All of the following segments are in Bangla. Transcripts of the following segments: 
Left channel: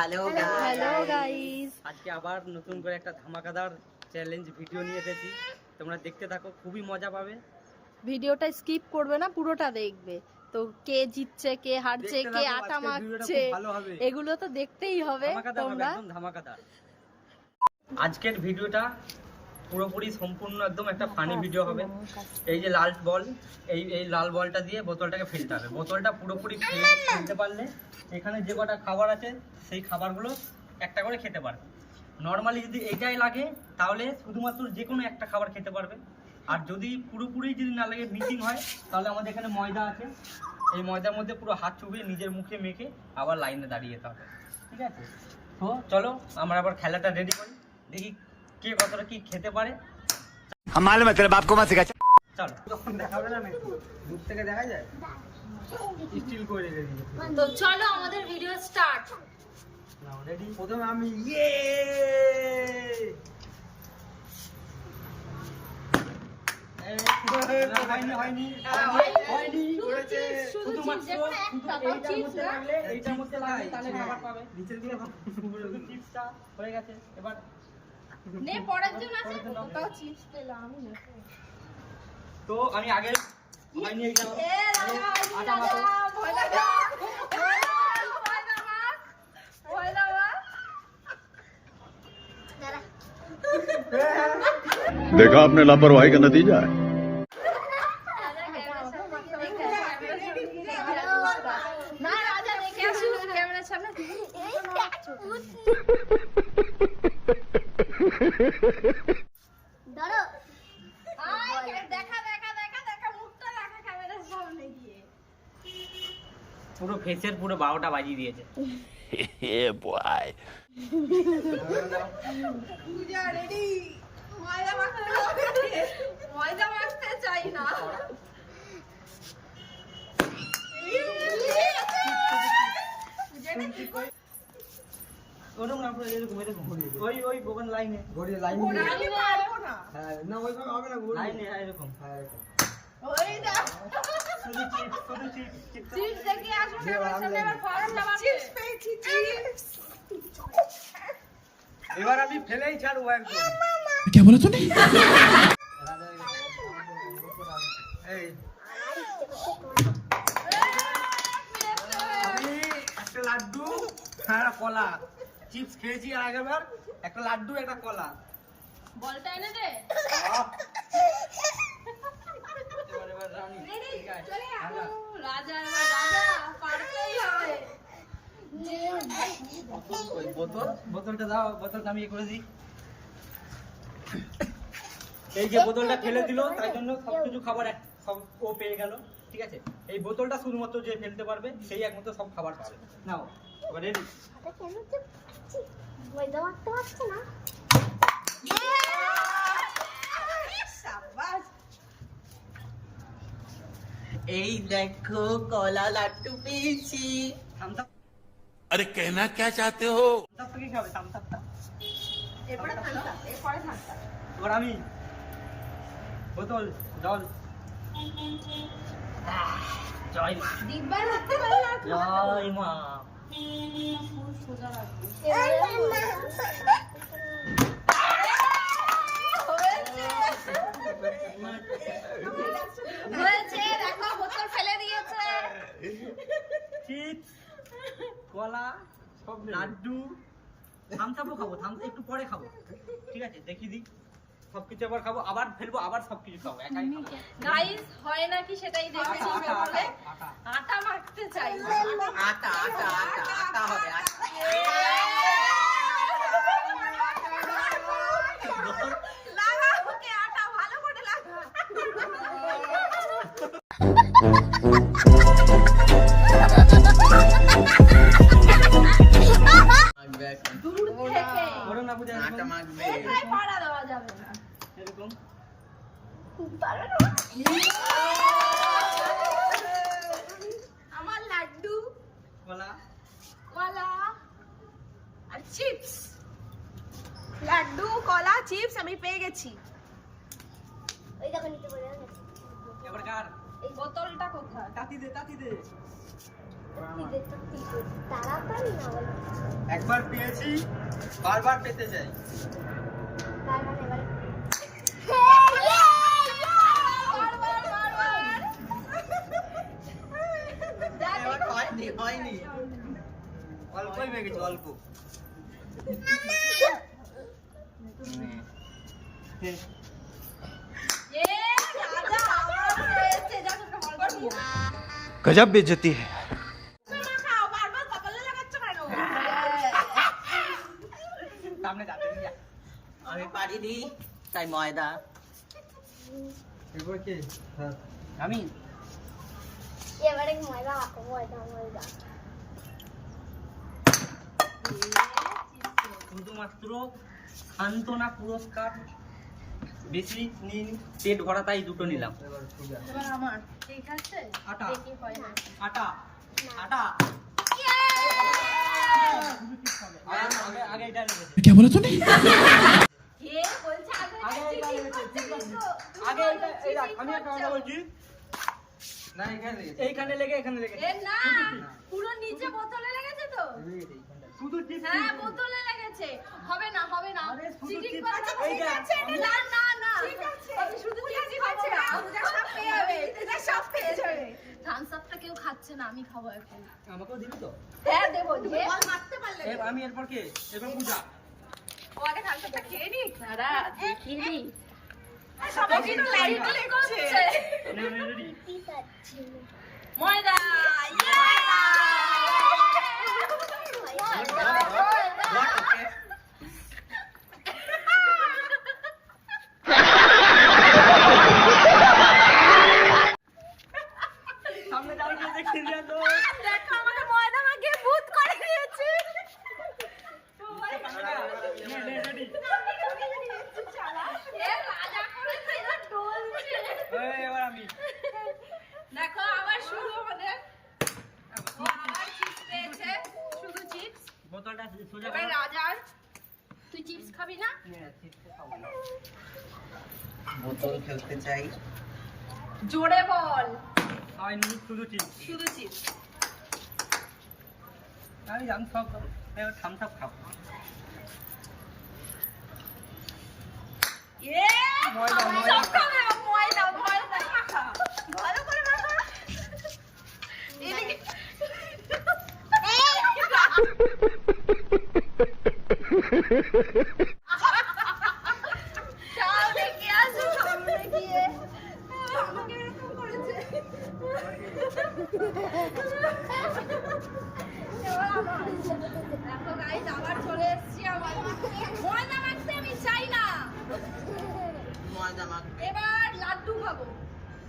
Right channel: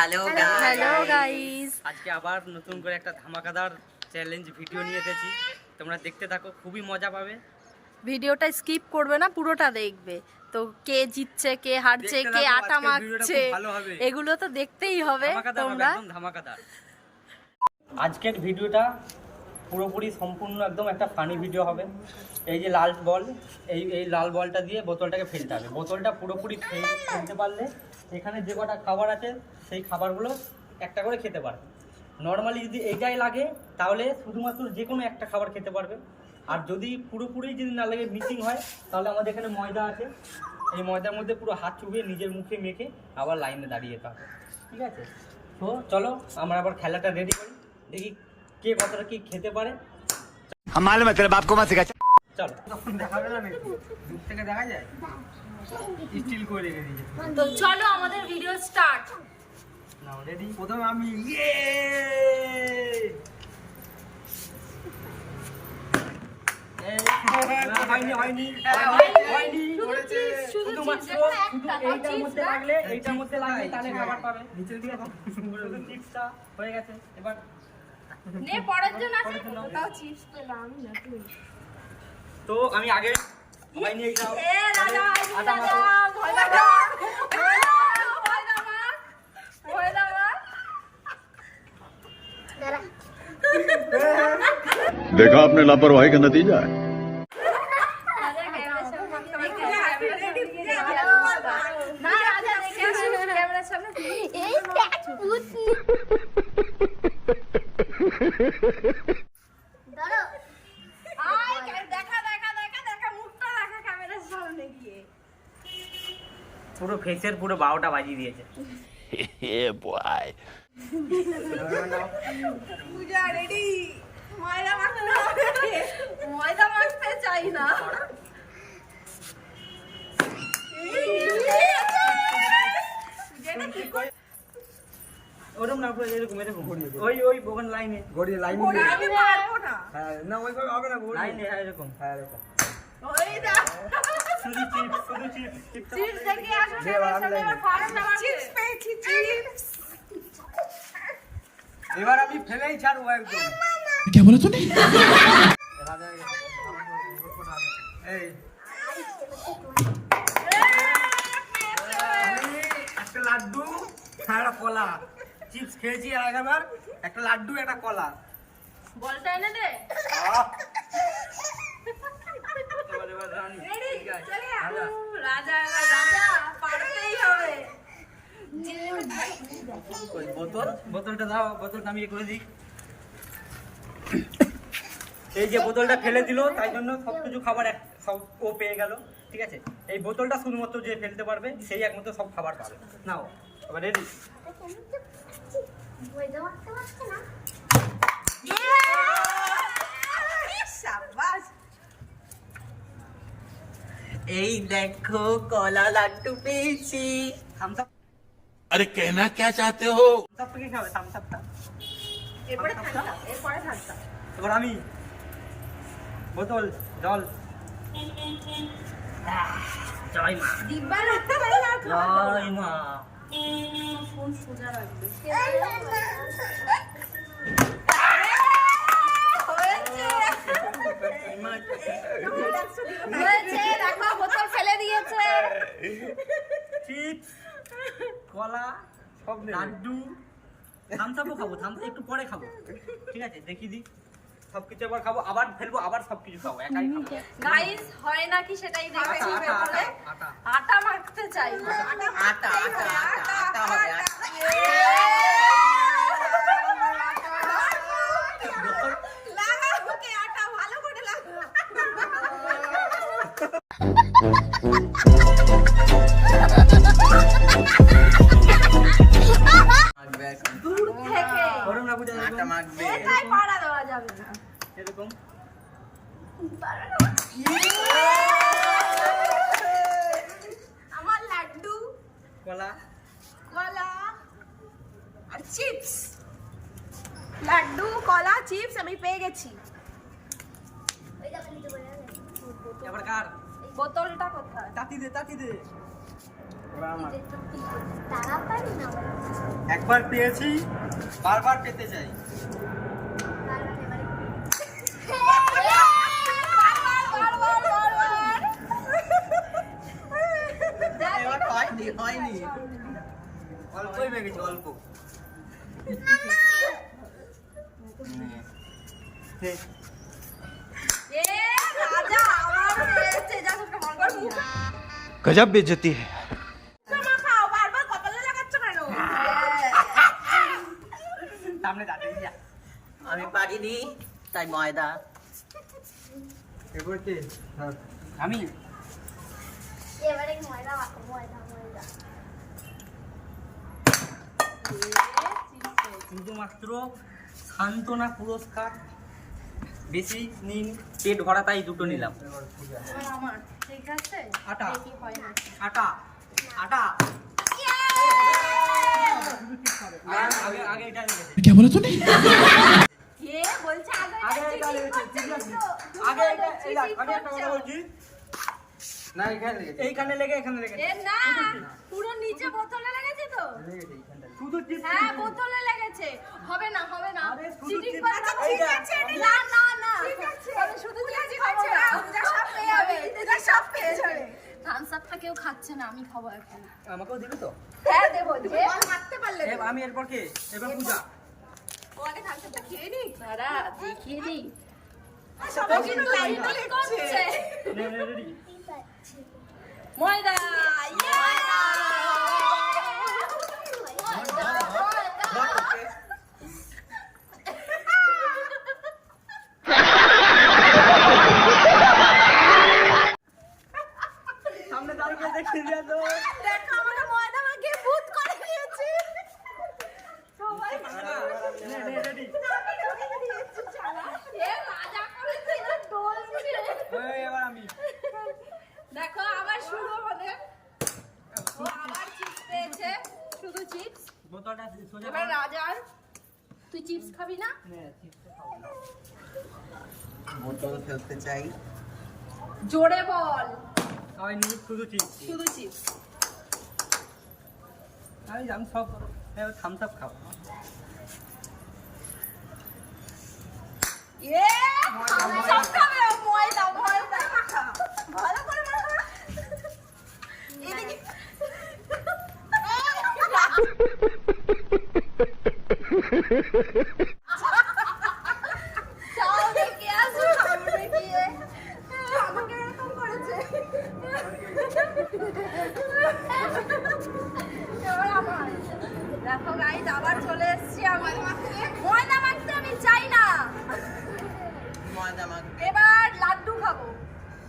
হ্যালো গাইস, আজকে আবার নতুন করে একটা ধামাকাদার চ্যালেঞ্জ ভিডিও নিয়ে এসেছি। তোমরা দেখতে থাকো, খুবই মজা পাবে। ভিডিওটা স্কিপ করবে না, পুরোটা দেখবে। তো কে জিতছে, কে হারছে, কে আটা মাখছে, এগুলো তো দেখতেই হবে। তোমরা একদম ধামাকাদার। আজকের ভিডিওটা পুরোপুরি সম্পূর্ণ একদম একটা ফানি ভিডিও হবে। এই যে লাল বল, এই লাল বলটা দিয়ে বোতলটাকে ফেলতে হবে। বোতলটা পুরোপুরি ফেলতে পারলে এখানে যে কটা খাবার আছে সেই খাবারগুলো একটা করে খেতে পারবে। নর্মালি যদি এইটাই লাগে তাহলে শুধুমাত্র যে কোনো একটা খাবার খেতে পারবে। আর যদি পুরোপুরি যদি না লাগে, মিসিং হয়, তাহলে আমাদের এখানে ময়দা আছে। এই ময়দার মধ্যে পুরো হাত চুবিয়ে নিজের মুখে মেখে আবার লাইনে দাঁড়িয়ে যেতে হবে। ঠিক আছে, তো চলো আমরা আবার খেলাটা রেডি করি, দেখি কে কতটা কি খেতে পারে। हमारे मतलब आपको मत सिखा। চলো, তখন দেখাবে না নাকি? দূর থেকে দেখা যায়, স্টিল করে রেখে দিয়েছি। তো চলো আমাদের ভিডিও স্টার্ট। নাও রেডি। প্রথমে আমি এইটার মধ্যে লাগলে তাহলে খাবার পাবে। নিচের দিকে শুধু চিপসটা হয়ে গেছে। এবার নে পরের জন আছে, কোথাও চিপস পেলাম না তুই। তো আমি আগে হয়নি এইটা এ রাজা আটা মাখো। ভয় লাগা देखा आपने लापरवाही का नतीजा है। না রাজা দেখে আসুন ক্যামেরার সামনে। পুরো ফেসের পুরো 12টা বাজিয়ে দিয়েছে। পূজা রেডি। ময়দা মাখতে চাই না। ওরকম না, এরকম এরকম ওই ওই বোগান লাইনে গড়িয়ে লাইন আমি পারবো না। হ্যাঁ না ওইভাবে হবে না লাইনে এরকম। হ্যাঁ এরকম ওই দা শুধু চিপস চিপস দেখে আসুন ক্যামেরার সামনে। এবার ফার্স্ট আমার চিপস পেয়েছি, চিপস। এবার আমি ফেলেই ছাড়বো একদম। क्या बोला तूने? এই আমি একটা লাড্ডু আর একটা কলা চিপস খেয়েছি আর আগেরবার একটা লাড্ডু একটা কলা। বলটা এনে দে। এবার রানী রেডি চলে আসো। রাজা এবার রাজা, পারতেই হবে। ওই বোতলটা দাও, বোতলটা আমি করে দিই। এই যে বোতলটা ফেলে দিল, তাই জন্য সবকিছু খাবার সব ও পেয়ে গেল। ঠিক আছে, এই বোতলটা শুধুমাত্র যে ফেলতে পারবে সেই একমাত্র সব খাবার পাবে। নাও এবার রেডি। এই দেখো কলা লাড্ডু পেয়েছি। Thums Up. अरे कहना क्या चाहते हो? থামস আপ কি খাবে? থামস আপটা। এরপরে থামতা, এরপরে থামতা। এবার আমি বোতল জল। জয় মা, ডিব্বা রাখতে পারি না। জয় মা। ফোন সোজা রাখবে। হয়েছে, দেখো বোতল ফেলে দিয়েছে। চিপস, কলা, সব লাড্ডু, থামসাপও খাবো, একটু পরে খাবো। ঠিক আছে, দেখি দি সবকিছু আবার খাবো, আবার ফেলবো, আবার সবকিছু খাবো, একাই খাবো। গাইস হয় নাকি সেটাই দেখছি। আটা, পেপারে আটা। আটা মাখতে চাই। আটা আটা আটা আটা হবে। লাগাও ওকে, আটা ভালো করে লাগাও। দূর থেকে গরম না বুঝে আটা মাখবে এটাই পাড়া দেওয়া যাবে না। এরকম। আমার লাড্ডু, কলা, কলা আর চিপস। লাড্ডু, কলা, চিপস আমি পেয়ে গেছি। এবার কার? বোতলটা কোথায়? তাতি দে, তাতি দে। আমার তাড়াতাড়ি না বলে একবার পেয়েছি বারবার পেতে চাই। এবার হয়নি অল্পই পেয়েছি, অল্প। गजब बेइज्जती है। সামনে দাঁড়িয়ে যা। আমি পারিনি তাই ময়দা। এবার কে? আমি এবারে ময়দা মাখো, ময়দা ময়দা। শুধুমাত্র সান্ত্বনা পুরস্কার, বেশি নিন, পেট ভরা তাই দুটো নিলাম। এবার আমার ঠিক আছে, আটা দেখি হয় না। আটা আটা আগে আগে এটা লেগেছে। क्या बोला तूने? এ বলছে আগে আগে এটা লেগেছে, ঠিক আছে। আগে এই দেখ, আমি একটা কথা বলছি না, এইখানে লেগে এখানে লেগে এ না, পুরো নিচে বোতলে লেগেছে তো। শুধু টিপ হ্যাঁ বোতলে লেগেছে, হবে না হবে না। আরে শুধু চিটিং টিপ- করবে না। এইটা, না না না, ঠিক আছে আমি শুধু চিটিং খাবো না। পূজা সব পেয়ে যাবে, পূজা সব পেয়ে যাবে। থামস আপটা কেউ খাচ্ছে না, আমি খাবো এখন। আমাকেও দিবি তো? হ্যাঁ দেবো, যে মারতে পারলে আমি এরপর কে? এবার পূজা। ও আগে থামস আপটা খেয়ে নি। দাঁড়া দেখিয়ে দি। সবাই কিন্তু লাইট করছে। রেডি? ময়দা, ইয়ে! সামনে দাঁড়িয়ে দেখি না তো। দেখো আমাকে ময়দা মাখিয়ে ভূত করে দিয়েছে। সবাই রেডি? এ রাজা করেছে, এরা ডলছে। এবার আমি। দেখো আবার শুরু আমাদের। ও আবার চিপস পেয়েছে, শুধু চিপস। বোতলটা সোজা এবার কর। রাজার, তুই চিপস খাবি না? বোতল খেলতে চাই। জোরে বল। সবাই নিয়ে শুধু চিপস। শুধু চিপস। আমি জানি সব থামস আপ খাও। এ সব খাবে, ময়দা ময়দা মাখা, ভালো করে মাখা। এদিকে চল দেখে আসো সামনে গিয়ে। আমাকে এরকম করেছে। এবার আমার। দেখো গাইস আবার চলে এসেছি আমি। ময়দা মাখতে আমি চাই না। ময়দা মাখ। এবার লাড্ডু খাবো,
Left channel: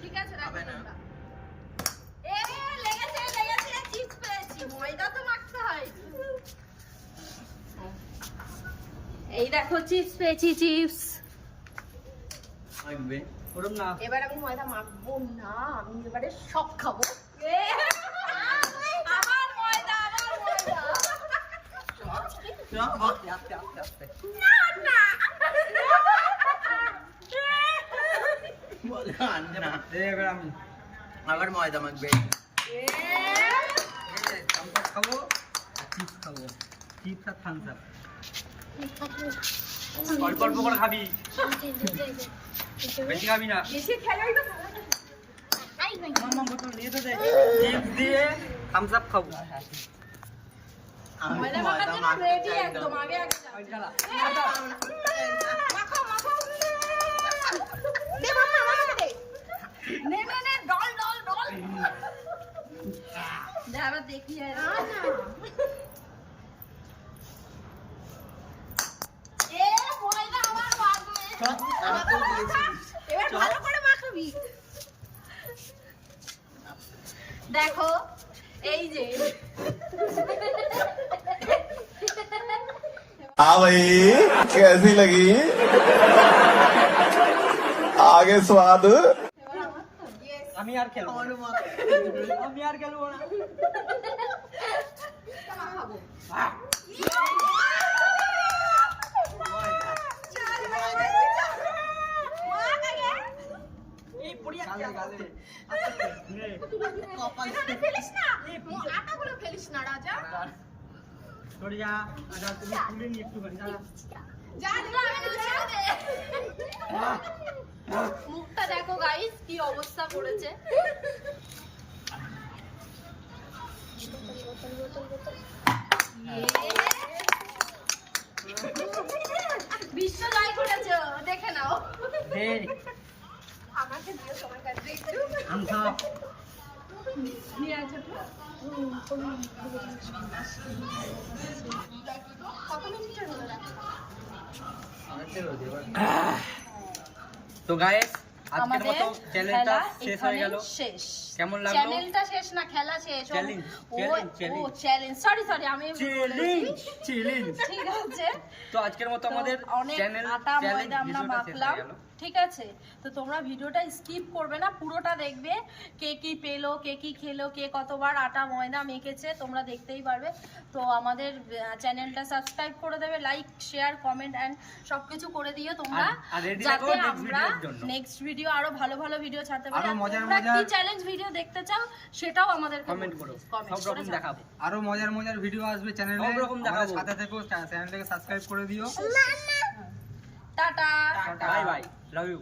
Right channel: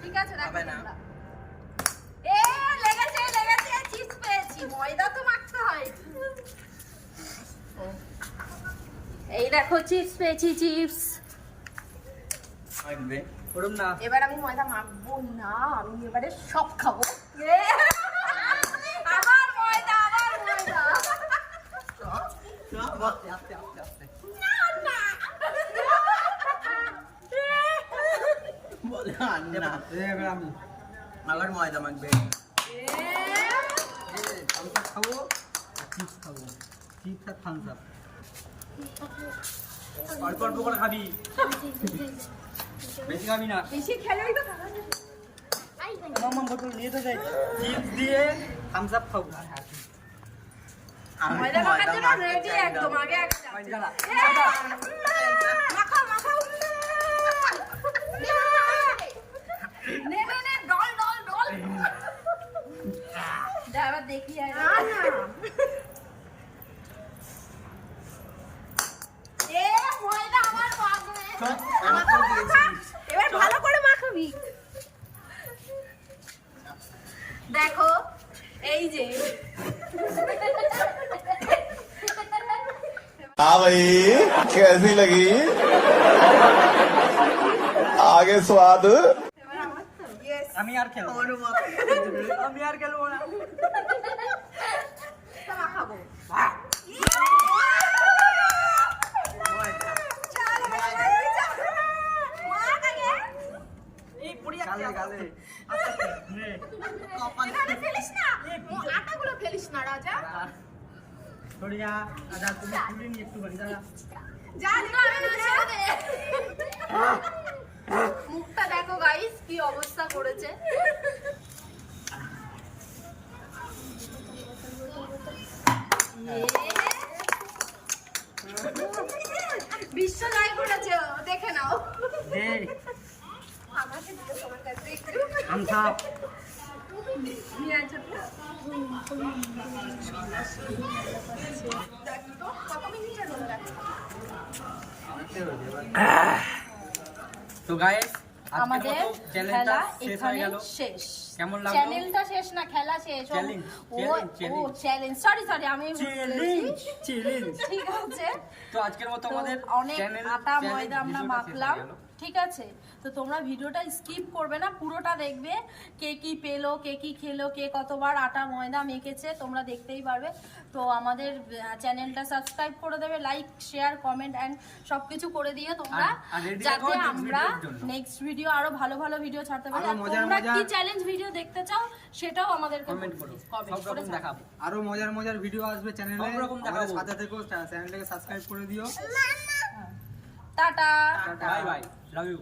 ঠিক আছে? হবে না। এ লেগেছে লেগেছে, চিপস পেয়েছি, ময়দা তো মাখতে হয়। এই দেখো চিপস পেয়েছি, চিপস। ওরম না। এবার আমি ময়দা মাখবো না, আমি এবারে সব খাবো। আবার ময়দা, আবার ময়দা। আস্তে আস্তে আস্তে আস্তে। না না। এবার আমি আবার ময়দা মাখবে। থামস আপ খাবো আর চিপস খাবো। চিপস আর থামস আপ অল্প অল্প করে খাবি, বেশি খাবি না। বেশি খেলেই তো মামা বোতল নিয়ে তো দে। চিপস দিয়ে থামস আপ খাবো। আমি ময়দা মাখার ময়দা জন্য মাখতে রেডি চাই না। একদম, আগে আগে যাও। পয়সা না। মাখা মাখা। নে নে নে, ডল ডল ডল। যা এবার দেখি আর। না না। এ ময়দা আমার মাখবে। আমার তো দিয়েছি। এবার ভালো করে মাখাবি। দেখো এই যে हाँ भाई कैसी लगी आगे स्वाद এবার আমার তো ইয়েস আমি আর খেলবো না। আমারও মাখা। আমি আর খেলবো না। মাখাবো। এই পড়ি গালে গালে। আস্তে আস্তে। নে। কপাল। ফেলিস না, আটাগুলো ফেলিস না রাজা। সরে যা দাদা, তুমি তুলে নিয়ে একটুখানি দাদা। মুখটা দেখো গাইস কি অবস্থা করেছে। বিশ্ব জয় করেছে, দেখে নাও। দে আমাকে দিও তোমার কাছে একটু। আমসাপ। নিয়ে আয় ছোট্ট। কত মিনিটের হলো রাখছি? তো গাইস আজকের আমাদের মতো চ্যানেলটা খেলা শেষ হয়ে গেল। এখানেই শেষ। কেমন লাগলো? চ্যানেলটা শেষ না, খেলা শেষ। Challenge, ও challenge. চ্যালেঞ্জ, সরি আমি চ্যালেঞ্জ চ্যালেঞ্জ। ঠিক আছে। তো আজকের মতো তো আমাদের অনেক চ্যানেল আটা ময়দা আমরা ভিডিওটা শেষ মাখলাম, হয়ে গেল। ঠিক আছে। তো তোমরা ভিডিওটা স্কিপ করবে না, পুরোটা দেখবে। কে কি পেলো, কে কি খেলো, কে কতবার আটা ময়দা মেখেছে তোমরা দেখতেই পারবে। তো আমাদের চ্যানেলটা সাবস্ক্রাইব করে দেবে, লাইক শেয়ার কমেন্ট এন্ড সবকিছু করে দিও তোমরা, আর ready যাতে থাকো next আমরা ভিডিওর জন্য। নেক্সট ভিডিও আরো ভালো ভালো ভিডিও ছাড়তে পারি। আরো আর মজার তোমরা কি মজার- চ্যালেঞ্জ ভিডিও দেখতে চাও সেটাও আমাদের কমেন্ট করো, সব রকম দেখাবো। আরো মজার ভিডিও আসবে চ্যানেলে, সব রকম দেখাবো। সাথে থেকো, চ্যানেলটাকে সাবস্ক্রাইব করে দিও। Tata. Bye bye, love you.